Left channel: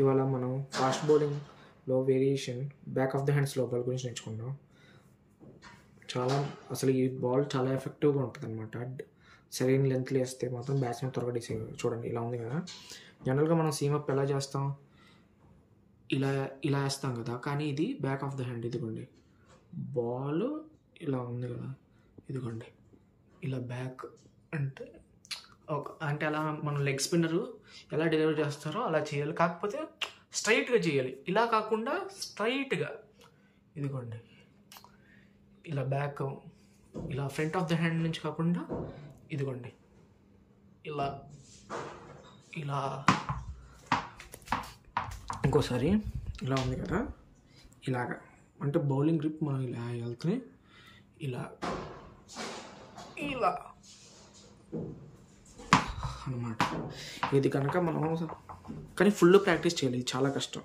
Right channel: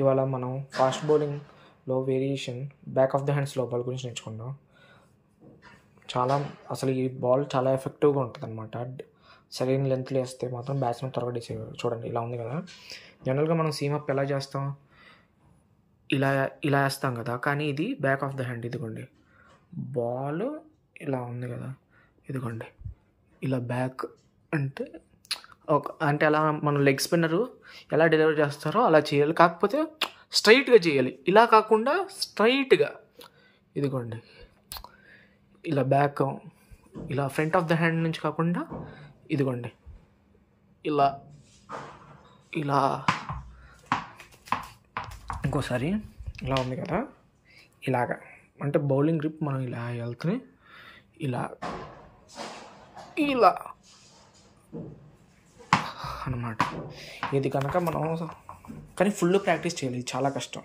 ఇవాళ మనం ఫాస్ట్ బౌలింగ్లో variation back of the hands లోపల గురించి నేర్చుకుందాం. అసలు ఈ బాల్ చాలా ఎఫెక్టివ్గా ఉంటుంది అనమాట. సరైన లెంత్లో వేస్తే మాత్రం బ్యాట్స్మెన్ త్వరగా డిసైడ్. చూడండి ఇలా ఉంది కదా. జనరల్గా మనం సీమప్ ఎలా చేస్తాం, ఇలా ఇలా వేస్తాం కదా, కానీ ఇది బ్యాక్ ఆఫ్ ద హ్యాండ్. ఇదిగోండి బాల్ ఇలా ఉంది కదా, ఇదిగోండి ఇలా బ్యాక్ అంటే అలా మనం లెగ్ స్పిన్నరు ఎలా డెలివర్ చేస్తారో అలా చేయాలి, కాకపోతే స్ట్రైట్గా చేయాలి. ఇలా కాకుండా స్ట్రైట్గా ఇదిగోండి ఇలా బ్యాక్, ఇలా ఫ్రంట్ ఆఫ్ ద హ్యాండ్ నుంచి కాకుండా ఇదిగోండి ఇలా ఇలా. ఇంకోసారి ఇలా ఉంది కదా, ఇలాగా అంటే బౌలింగ్ గ్రిప్ మనం ఇలా వెళ్తే ఇలా ఇలా అన్నమాట. ఇది కనుక మనం కానీ ఫుల్ ప్రాక్టీస్ చేయాలి, చాలా కష్టం.